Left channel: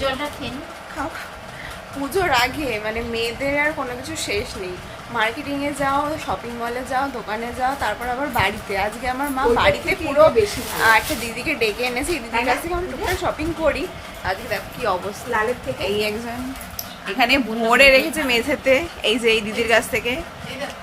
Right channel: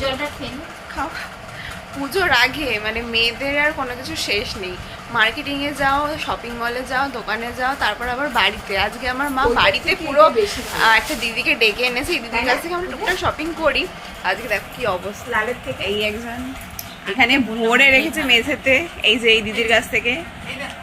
জলটা খেয়ে খাও খাও। পুজোর আগে মানে মেয়েদের আর কোনো কিছু শেষ নেই। মার্কেটিংয়ে যাও, শপিং মলে যাও, দোকানে যাও, তারপর আবার বাড়িতে। আজকে আমার মা বাড়িতে পুরো একটা দিদিকে ডেকে এনেছে, এই দিদির কাছ থেকে আমরা টুকটাক শপিং করি। আজকে দেখো কি অবস্থা, লালের থেকে এই একজন এখানে ভরে রেখেছে মেঝেতে, এই যে এই দিদির কাছ থেকে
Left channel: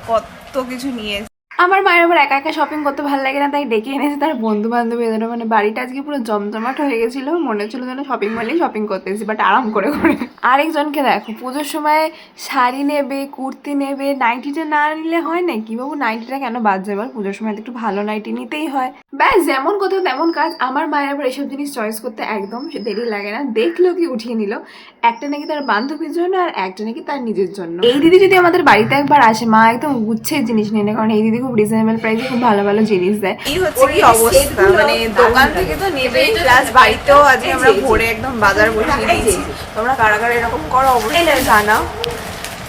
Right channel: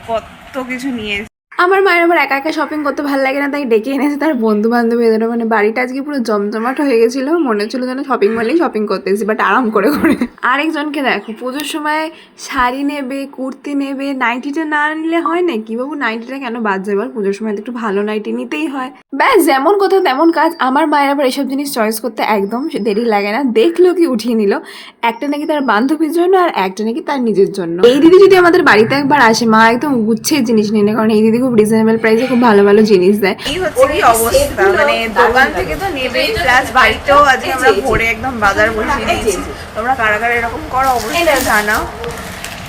কত কিছু নিয়েছে। আমার মায়ের আবার একা একা শপিং করতে ভালো লাগে না, তাই ডেকে এনেছে তার বন্ধু বান্ধবী এদের। মানে বাড়িটা আজকে পুরো জমজমাট হয়ে গেছিল, মনে হচ্ছিল যেন শপিং মলেই শপিং করতে এসেছি, বাট আরাম করে করে। আরেকজনকে দেখো পুজোর সময় শাড়ি নেবে, কুর্তি নেবে, নাইটিটা না নিলে হয় না কি বাবু? নাইটিটা কেন বাদ যায়? এবার পুজোর সময় তো একটু ভালো নাইটি নিতেই হয়। ব্যাস, যেমন কোথাও তেমন কাজ। আমার মায়ের আবার এসব জিনিস চয়েস করতে একদম দেরি লাগে না, দেখলো কি উঠিয়ে নিল। একটা নাকি তার বান্ধবীর জন্য আর একটা নাকি তার নিজের জন্য। এই দিদি যদি আমাদের বাড়িতে একবার আসে, মা একদম গুচ্ছের জিনিস নিয়ে নেয়, কারণ এই দিদি খুব রিজনেবল প্রাইসে খুব ভালো ভালো জিনিস দেয়। এই হচ্ছে কি অবস্থা, মানে দোকান থেকে তো নেবেই, প্লাস বাড়িতেও আজকে আমরা ভোরে একদম বাজার বসিয়ে দিয়েছি। তোমরা কারা কারা এরকম করো অবশ্যই জানাও।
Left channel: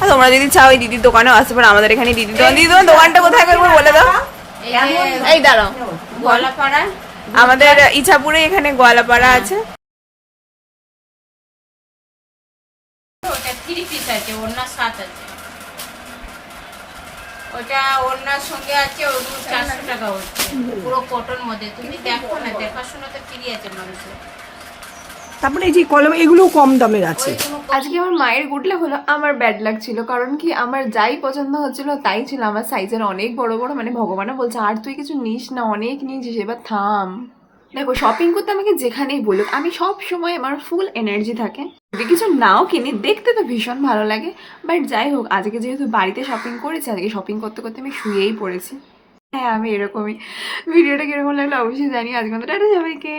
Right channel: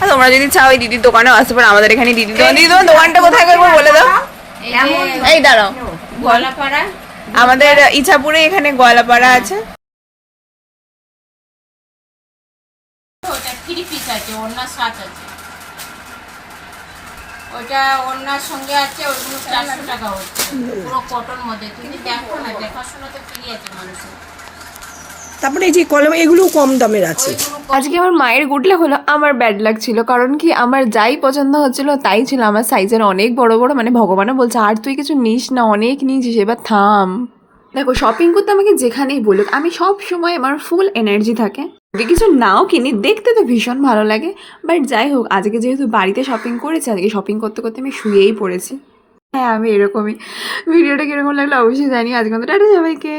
আর তোমরা যদি চাও এই দিদির দোকানেও আসতে পারো, আমাদের এখানে দিদি দোকান। দিদি তোমার দোকানটা কোথায় করবো বলে দাও। এই দাঁড়াও, গলাপাড়া আমাদের ইছাপুরে এখানে গয়লাপাড়া আছে। ওটা 3 পিস আছে, ওড়নার সাথ আছে। ওটা ওড়নার সঙ্গে আছে, ওগুলো 400 টাকা হচ্ছে, পুরো কটন মধ্যে। তুমি দেখো না, দেখাশোনাতে ফ্রি আছে মানুষের। তারপরে এই যে কলম, এগুলো কম দামের আছে। আজকে আমার মায়ের গুডলে হলো, আমার ব্যাড লাক ছিল। কারণ কি, আমার যাই পছন্দ হচ্ছিল তাই ছিল, আমার সাইজের অনেক বড় বড়। মানে ভগবানও বলছে আর তুই কিছু নিস না, অনেক নিয়েছিস, এবার থাম। দেখো শপিং করতে আমাকে যেখানেই বলুক, আমি সব সময় আমার ফুল এনার্জি থাকে। যদি কিছু নাও কিনি, দেখতে তো ভীষণ ভালো লাগে। বাট যাই হোক, আজকে যেহেতু বাড়িতে শপিং করেছি, আজকে শপিং করতে করতে আমি শুয়েই পড়েছি। হ্যাঁ, আমি এরকমই। ভিডিওটা কিরকম লাগলো অবশ্যই জানি। আজকে মতো টাটা সবাইকে।